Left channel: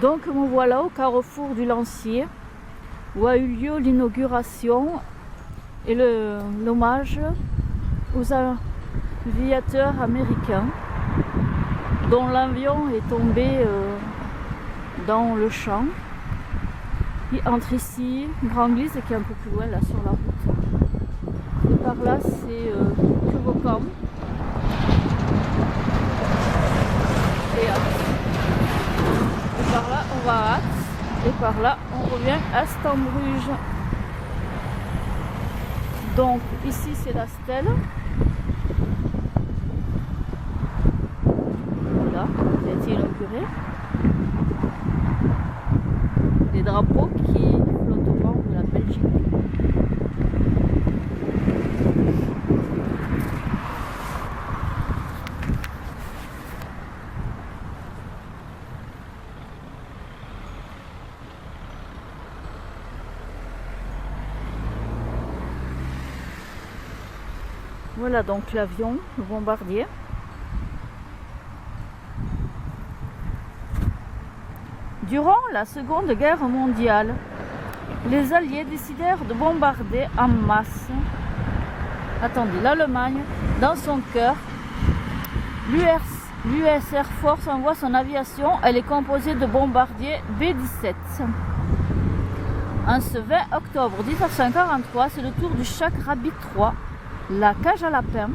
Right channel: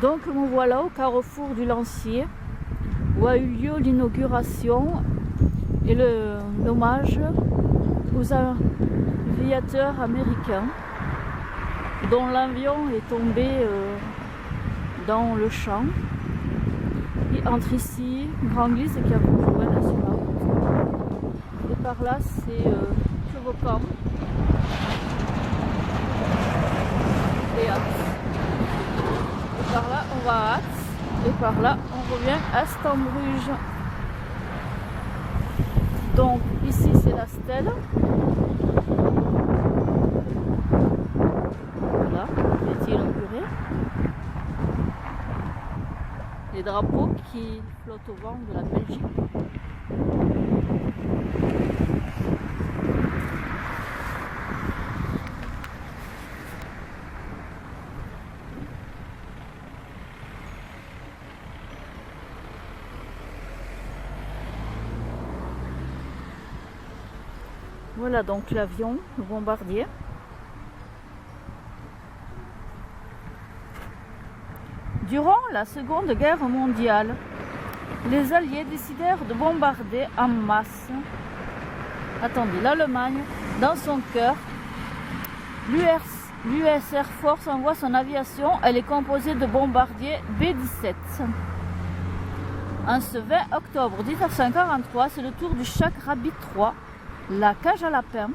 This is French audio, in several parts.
Donc me voilà au carrefour du Lancier où a eu lieu l'inauguration et l'hommage aux aviateurs américains dont l'avion est tombé dans le champ. Il entre ici, Grand-Glise qui est un peu plus loin là sur la route. Et par là c'est Quevaucamp et Ath. Et par là on va à Ath. Et par là on revient à Stambruge. Donc ici c'est la stèle. Voilà, qui a été inaugurée. Les drapeaux qui flottent au vent de la Belgique. Voilà donc l'avion, le bombardier. Durant la Seconde Guerre mondiale, les Alliés décidèrent de bombarder en masse l'Allemagne dans son cœur. L'US Air Force envoie son aviation, elle est composée de bombardiers B-17. En ce 20 octobre 1943, c'est le tour du Chak Rabbit 3, la cage à lapin,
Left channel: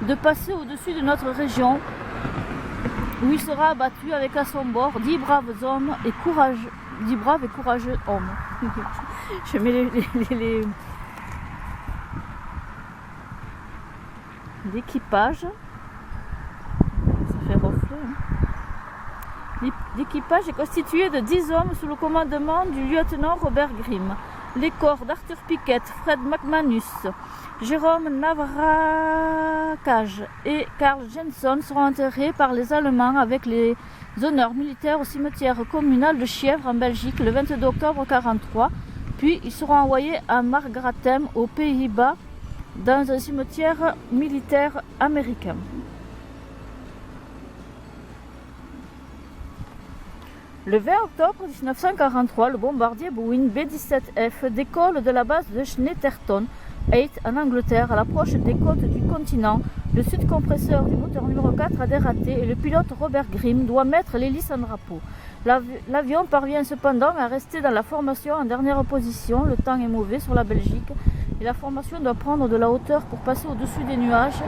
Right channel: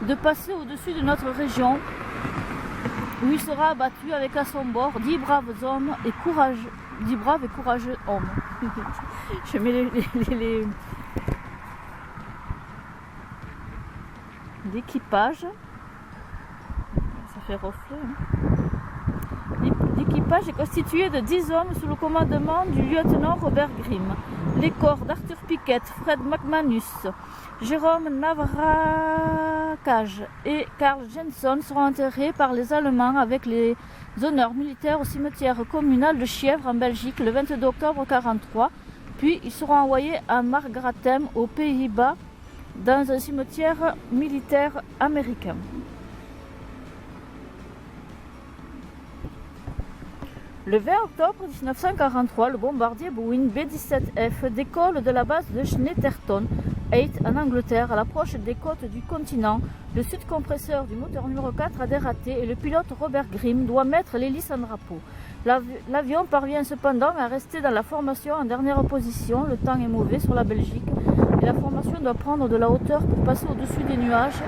de passer au-dessus de notre région où il sera abattu avec à son bord 10 braves et courageux hommes. Je mets l'équipage. Ça fait reflet. L'équipage est constitué de 10 hommes sous le commandement du lieutenant Robert Grimm. Les corps d'Arthur Pickett, Fred McManus, Jérôme Navrakaj et Karl Jenson seront enterrés par les Allemands avec les honneurs militaires au cimetière communal de Chièvre en Belgique le 22 octobre 1943. Puis ils seront envoyés à Margratem aux Pays-Bas dans un cimetière militaire américain. Le 20 octobre 1943, le bombardier Boeing B-17F décolle de la base de Snetterton Heath en Angleterre à l'approche des côtes du continent. Le sud-compresseur du moteur numéro 4 a dératé et le pilote Robert Grimm doit mettre l'hélice en drapeau. L'avion parvient cependant à rester dans la formation en dernière position. Le temps est mauvais sur la Belgique et la formation doit prendre de la hauteur pour passer au-dessus des nuages,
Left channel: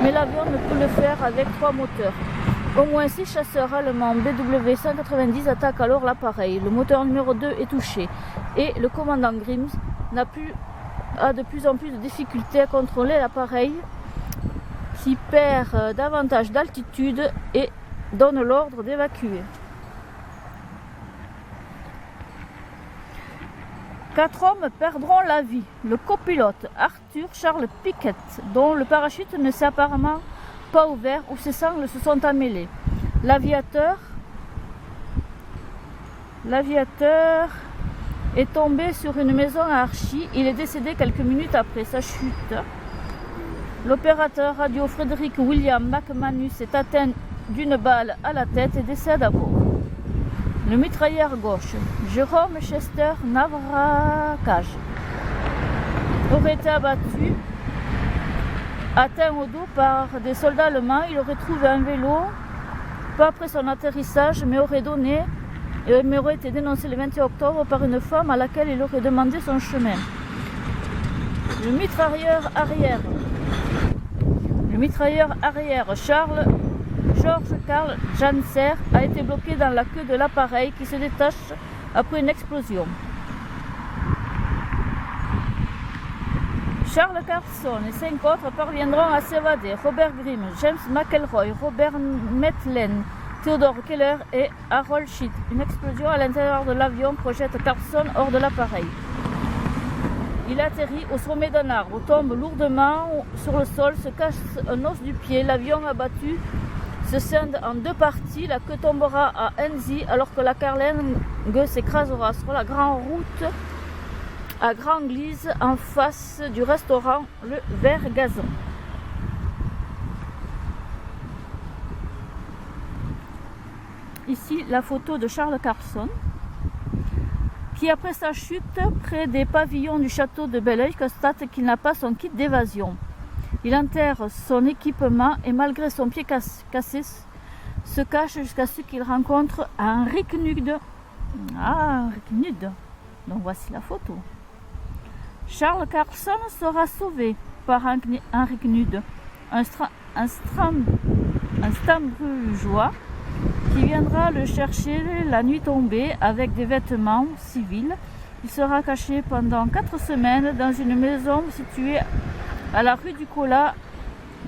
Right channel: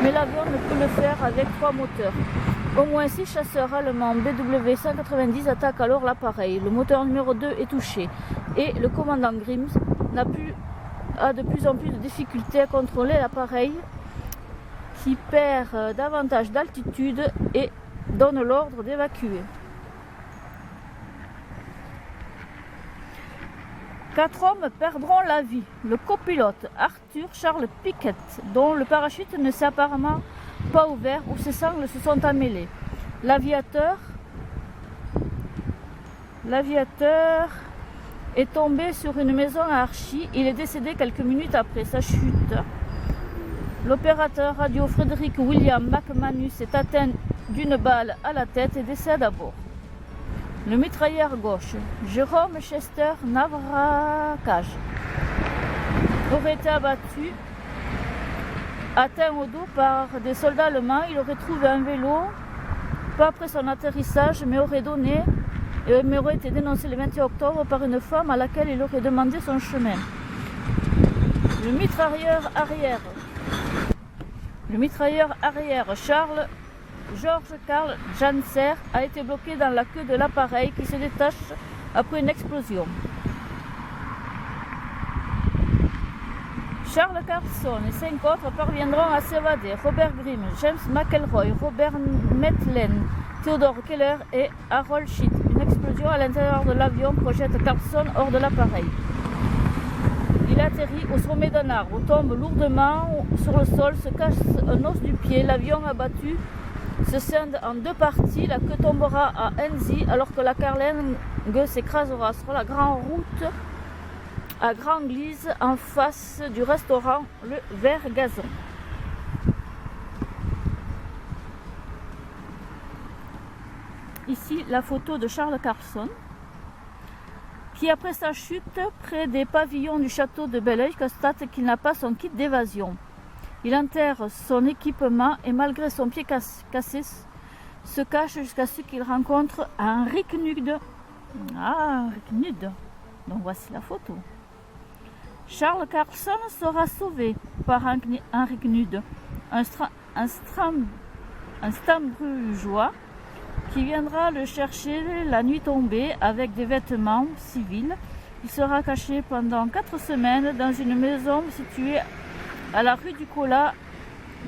mais l'avion ne peut le faire avec 3 moteurs. Au moins 6 chasseurs allemands BW-190 attaquent alors l'appareil. Le moteur numéro 2 est touché et le commandant Grimm a de plus en plus de difficultés à contrôler l'appareil qui perd davantage d'altitude et donne l'ordre d'évacuer. 4 hommes perdront la vie. Le copilote Arthur Charles Pickett, dont le parachute ne s'est apparemment pas ouvert ou ses sangles se sont emmêlées. L'aviateur est tombé sur une maison à Archie. Il est décédé quelques minutes après sa chute. L'opérateur radio Frederick William McManus est atteint d'une balle à la tête et décède à bord. Le mitrailleur gauche, Jérôme Chester Navrakaj, aurait été abattu. Atteint au dos par des soldats allemands, il aurait trouvé un vélo, pas après son atterrissage, mais aurait été dénoncé le 21 octobre par une femme à laquelle il aurait demandé son chemin. Le mitrailleur arrière George Karl Janser a été bloqué dans la queue de l'appareil qui se détache après une explosion. Charles Carson et 5 autres parviendront à s'évader. Robert Grimm, James McElroy, Robert Metlen, Theodore Keller et Harold Schitt. Une explosion à l'intérieur de l'avion projette Carson hors de l'appareil. Il atterrit au sommet d'un arbre, tombe lourdement sur le sol, se casse un os du pied. L'avion abattu se scinde en 2 parties. La queue tombera à Enzi alors que la carlingue s'écrasera sur la grande route à Grand-Glise en face du restaurant Le Vert Gazon. ici la photo de Charles Carlson, qui après sa chute près des pavillons du château de Belleuil constate qu'il n'a pas son kit d'évasion. Il enterre son équipement et malgré son pied cassé se cache jusqu'à ce qu'il rencontre Henri Knude. Ah, Henri Knude. Donc voici la photo. Charles Carlson sera sauvé par Henri Knude, un Stambrugeois qui viendra le chercher la nuit tombée avec des vêtements civils. Il sera caché pendant 4 semaines dans une maison située à la rue du Colas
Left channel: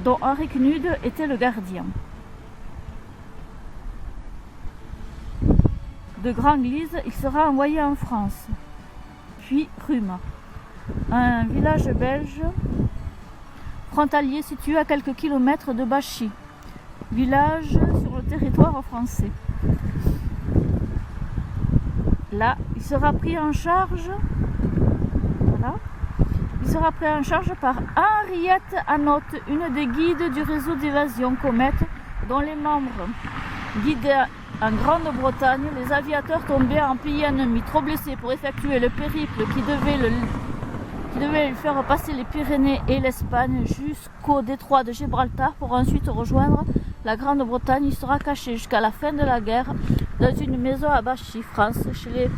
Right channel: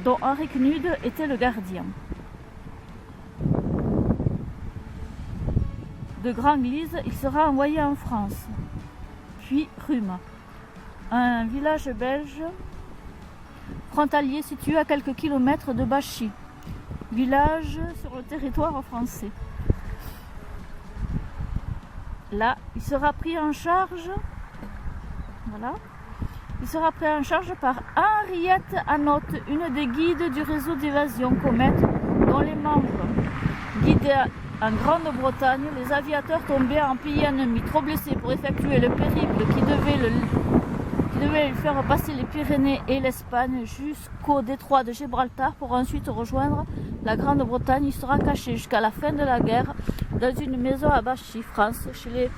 dont Henri Knude était le gardien. De Grand-Glise, il sera envoyé en France, puis Rhume, un village belge frontalier situé à quelques kilomètres de Bachy, village sur le territoire français. Là, il sera pris en charge, voilà, il sera pris en charge par Henriette Hanot, une des guides du réseau d'évasion Comète, dont les membres guidaient en Grande-Bretagne les aviateurs tombés en pays ennemi, trop blessés pour effectuer le périple qui devait lui faire passer les Pyrénées et l'Espagne jusqu'au détroit de Gibraltar pour ensuite rejoindre la Grande-Bretagne. Il sera caché jusqu'à la fin de la guerre dans une maison à Bachy, France, chez les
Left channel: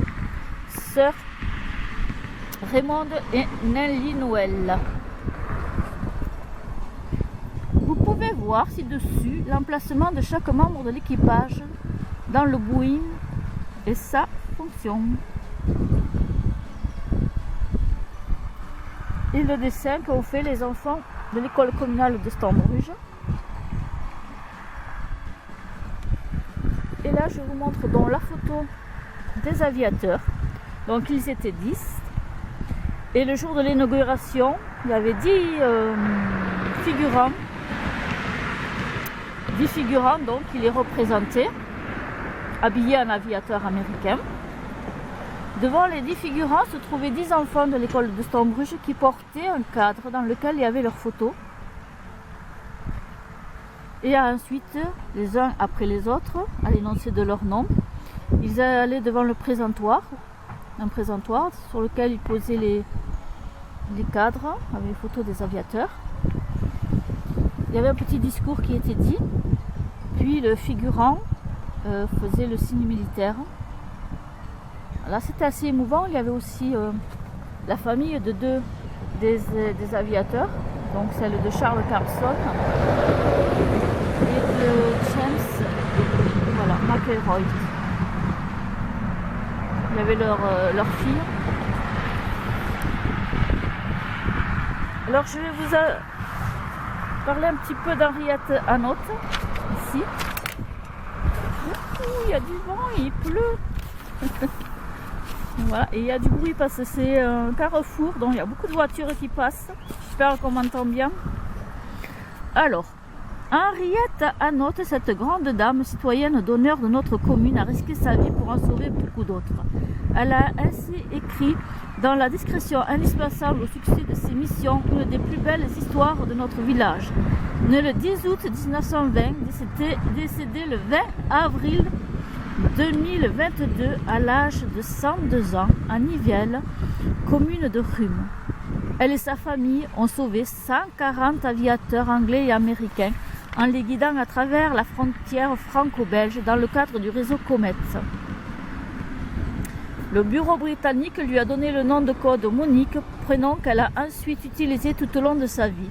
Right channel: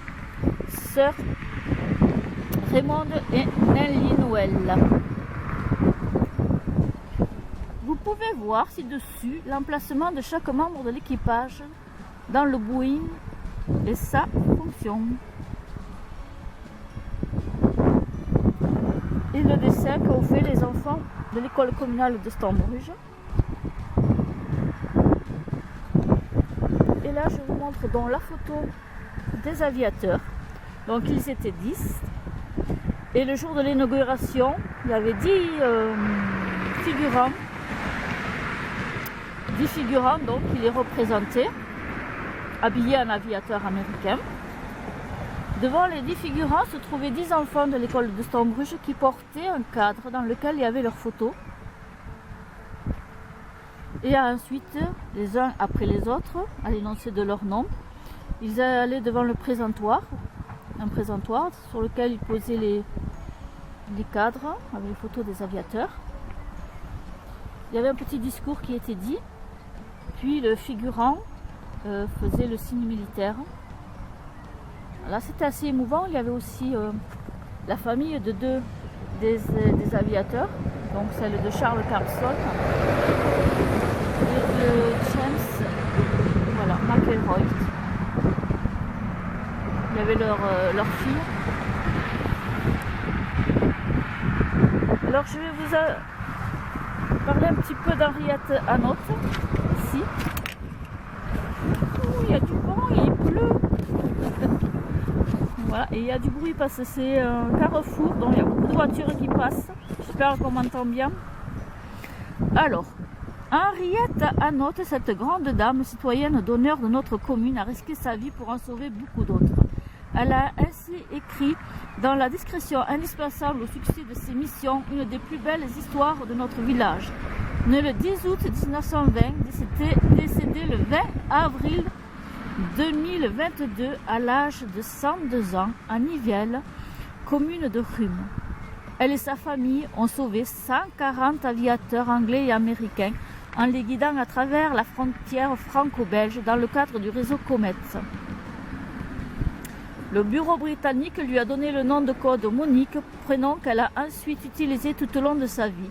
sœurs Raymonde et Nelly Noël. Vous pouvez voir ci-dessus l'emplacement de chaque membre de l'équipage dans le Boeing et sa fonction. Et le dessin qu'ont fait les enfants de l'école communale de Stambruge. Et là, je vous montre donc la photo des aviateurs. Donc, ils étaient 10. Et le jour de l'inauguration, il y avait 10 figurants. 10 figurants, donc, qui les représentaient, habillés en aviateurs américains. Devant les 10 figurants se trouvaient 10 enfants de l'école de Stambruge qui portaient un cadre dans lequel il y avait leurs photos. Et ensuite, les uns après les autres, à l'énoncé de leur nom, ils allaient devant le présentoir, un présentoir sur lequel ils posaient les cadres avec les photos des aviateurs. Il y avait un petit discours qui était dit, puis le figurant faisait le signe militaire. Là, c'était assez émouvant. Il y avait aussi la famille de deux des aviateurs, donc celle de Charles Carlson et de James, voilà, McElroy. Il y avait leur fille. Alors, je vais vous parler un petit peu d'Henriette Hanot, ici. Il y a du vent, il pleut. Voilà, et il y a du bruit parce que c'est un carrefour, donc il y a beaucoup de voitures qui passent. J'espère qu'on m'entend bien. Alors, Henriette Hanot, cette grande dame citoyenne d'honneur de notre commune, a risqué sa vie pour en sauver beaucoup d'autres. Elle a ainsi écrit dans la discrétion indispensable au succès de ses missions une des plus belles histoires de notre village. Née le 10 août 1920, décédée le 20 avril 2022 à l'âge de 102 ans à Nivelles, commune de Rhume. Elle et sa famille ont sauvé 140 aviateurs anglais et américains en les guidant à travers la frontière franco-belge dans le cadre du réseau Comète. Le bureau britannique lui a donné le nom de code Monique, prénom qu'elle a ensuite utilisé tout au long de sa vie.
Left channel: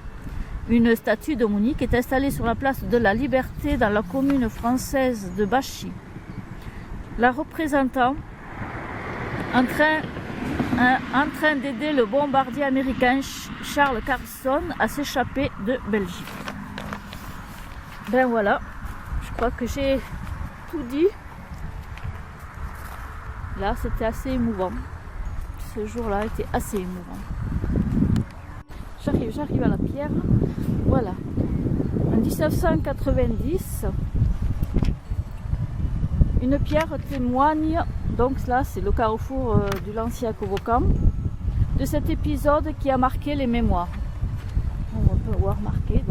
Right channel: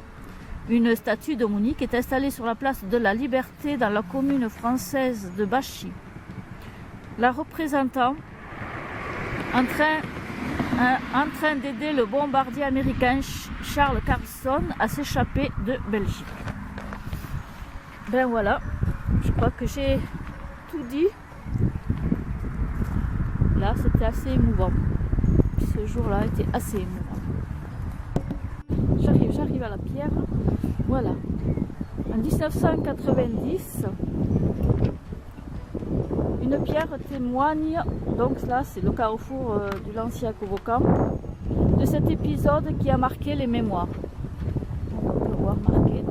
Une statue de Monique est installée sur la place de la Liberté dans la commune française de Bachy. La représentant en train d'aider le bombardier américain Charles Carlson à s'échapper de Belgique. Ben voilà, je crois que j'ai tout dit. Là, c'était assez émouvant. Ce jour-là était assez émouvant. J'arrive à la pierre. Voilà. En 1990, une pierre témoigne, donc là c'est le carrefour du Lanciac-Vaucamp, de cet épisode qui a marqué les mémoires. On peut voir marqué.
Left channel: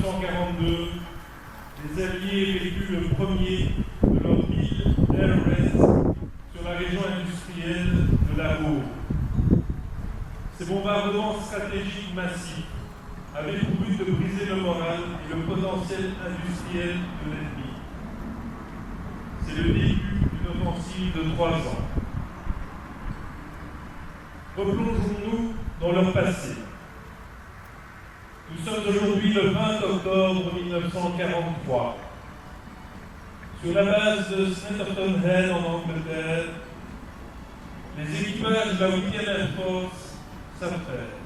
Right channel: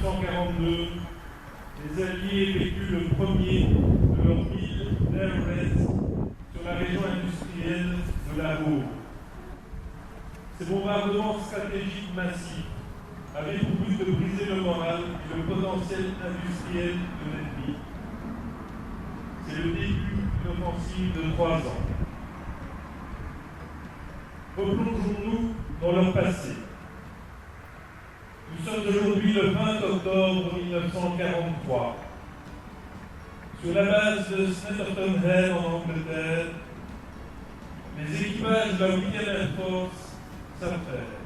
1942, les Alliés effectuent le premier de leur guide Air Raid sur la région industrielle de la Ruhr. Ces bombardements stratégiques massifs avaient pour but de briser le moral et le potentiel industriel de l'ennemi. C'est le début d'une offensive de 3 ans. Replongeons-nous dans leur passé. Nous sommes aujourd'hui le 20 octobre 1943. Sur la base de Snetterton Head en Angleterre, les équipages de la 8e Air Force s'affairent.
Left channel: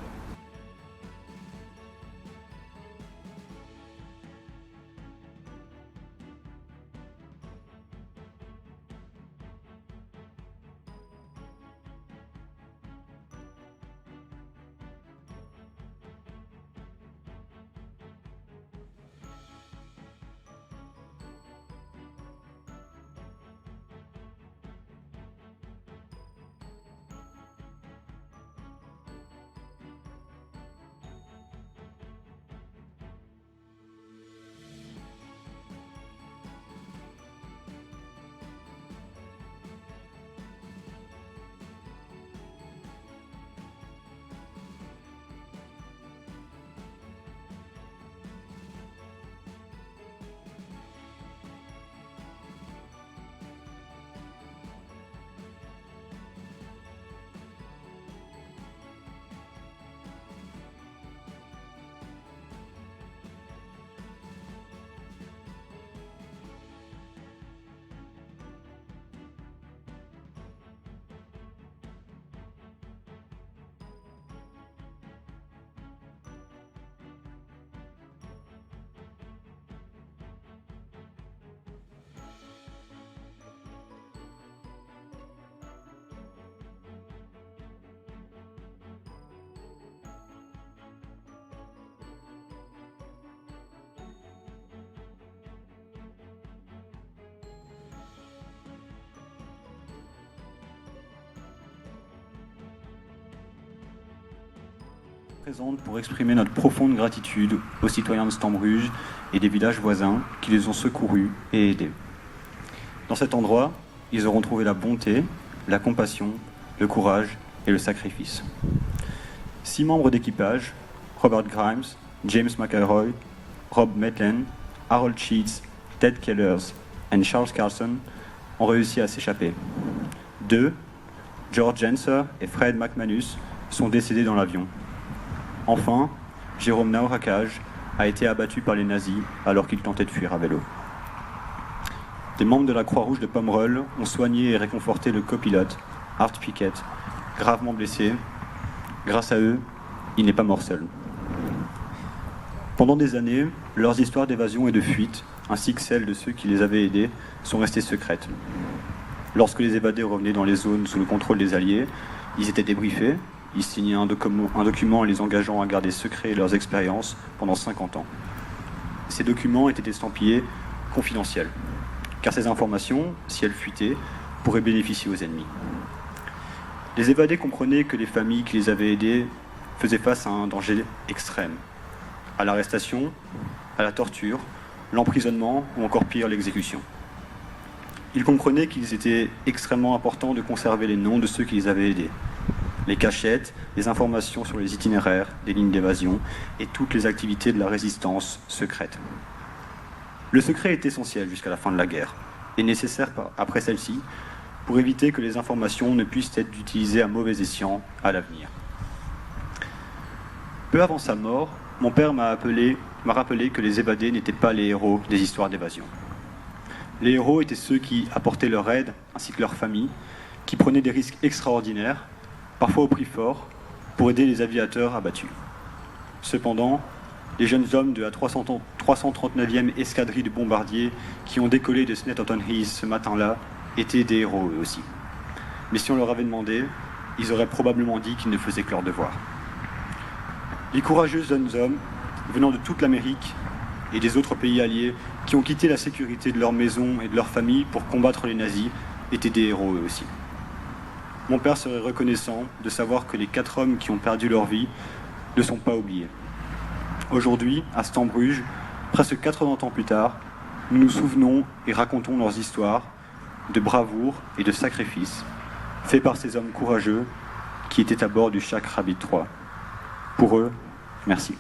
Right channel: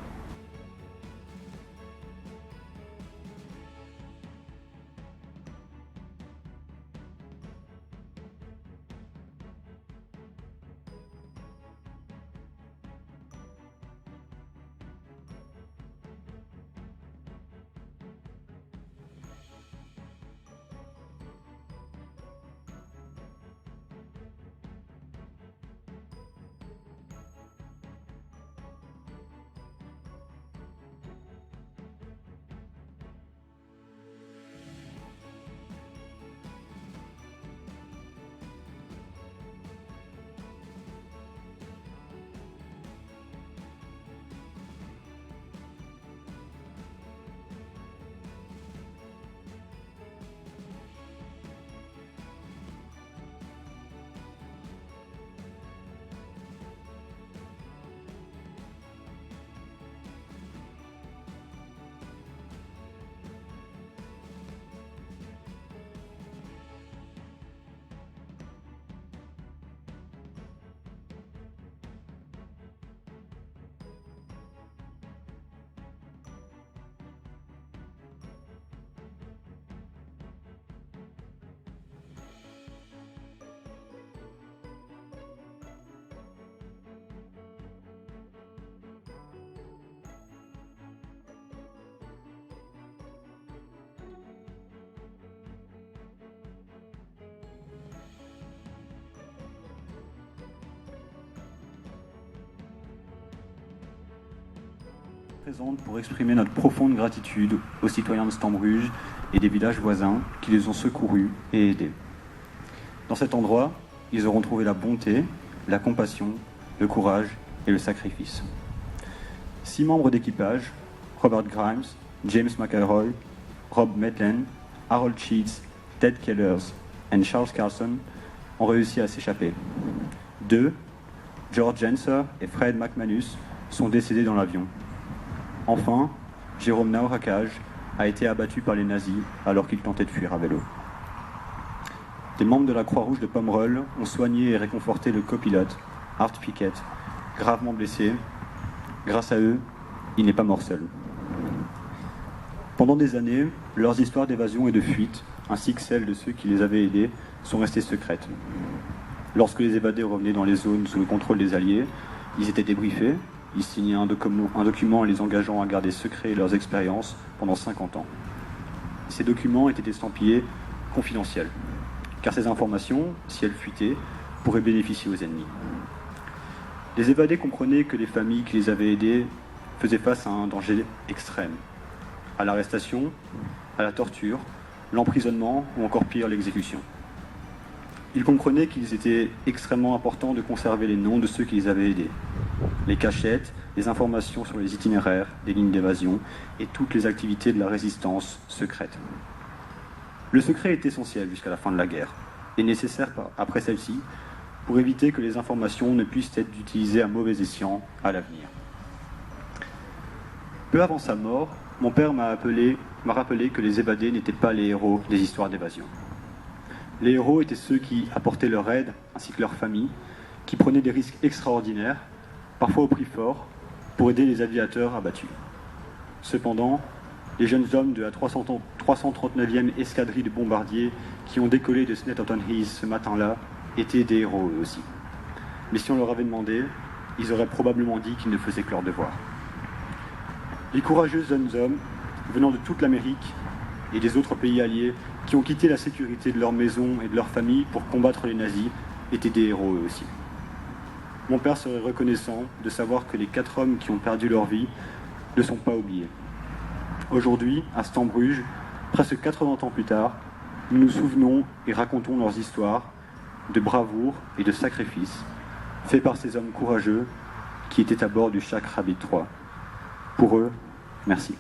Présente pour exprimer notre profonde gratitude aux citoyens de Stambruge et des villages voisins qui les ont secourus et aidés. Dans cet endroit, ils auront trouvé la bonté, la compassion, le courage et le sacrifice. 6 membres d'équipage, Robert Grimes, James McElroy, Rob Maitland, Harold Sheets, Ted Kellers et Charles Carlson, ont réussi à s'échapper. 2, George Jenser et Fred McManus, sont décédés dans l'avion. Enfin, Jérôme Naurakaj a été abattu par les nazis alors qu'il tentait de fuir à vélo. Des membres de la Croix-Rouge de Pomerol ont soigné et réconforté le copilote, Art Pickett, gravement blessé. Grâce à eux, il n'est pas mort seul. Pendant des années, leurs histoires d'évasion et de fuite, ainsi que celles de ceux qui les avaient aidés, sont restées secrètes. Lorsque les évadés revenaient dans les zones sous le contrôle des Alliés, ils étaient débriefés. Ils signaient un document les engageant à garder secret leurs expériences pendant 50 ans. Ces documents étaient estampillés confidentiels, car ces informations, si elles fuitaient, pourraient bénéficier aux ennemis. Les évadés comprenaient que les familles qui les avaient aidés faisaient face à un danger extrême, à l'arrestation, à la torture, l'emprisonnement ou encore pire, l'exécution. Ils comprenaient qu'il était extrêmement important de conserver les noms de ceux qui les avaient aidés, les cachettes, les informations sur les itinéraires, les lignes d'évasion et toutes les activités de la résistance secrète. Le secret est essentiel jusqu'à la fin de la guerre et nécessaire après celle-ci pour éviter que les informations ne puissent être utilisées à mauvais escient à l'avenir. Peu avant sa mort, mon père m'a rappelé que les évadés n'étaient pas les héros des histoires d'évasion. Les héros étaient ceux qui apportaient leur aide ainsi que leur famille, qui prenaient des risques extraordinaires, parfois au prix fort, pour aider les aviateurs abattus. Cependant, les jeunes hommes de la 339e escadrille de bombardiers qui ont décollé de Snetterton Heath ce matin-là étaient des héros eux aussi. Mais si on leur avait demandé, ils auraient probablement dit qu'ils ne faisaient que leur devoir. Les courageux jeunes hommes, venant de toute l'Amérique et des autres pays alliés, qui ont quitté la sécurité de leur maison et de leur famille pour combattre les nazis, étaient des héros eux aussi. Mon père serait reconnaissant de savoir que les 4 hommes qui ont perdu leur vie ne sont pas oubliés. Aujourd'hui, à Stambruge, Presque 80 ans plus tard, nous nous souvenons et racontons leurs histoires de bravoure et de sacrifice faits par ces hommes courageux qui étaient à bord du Cheikh Rabied III. Pour eux, merci.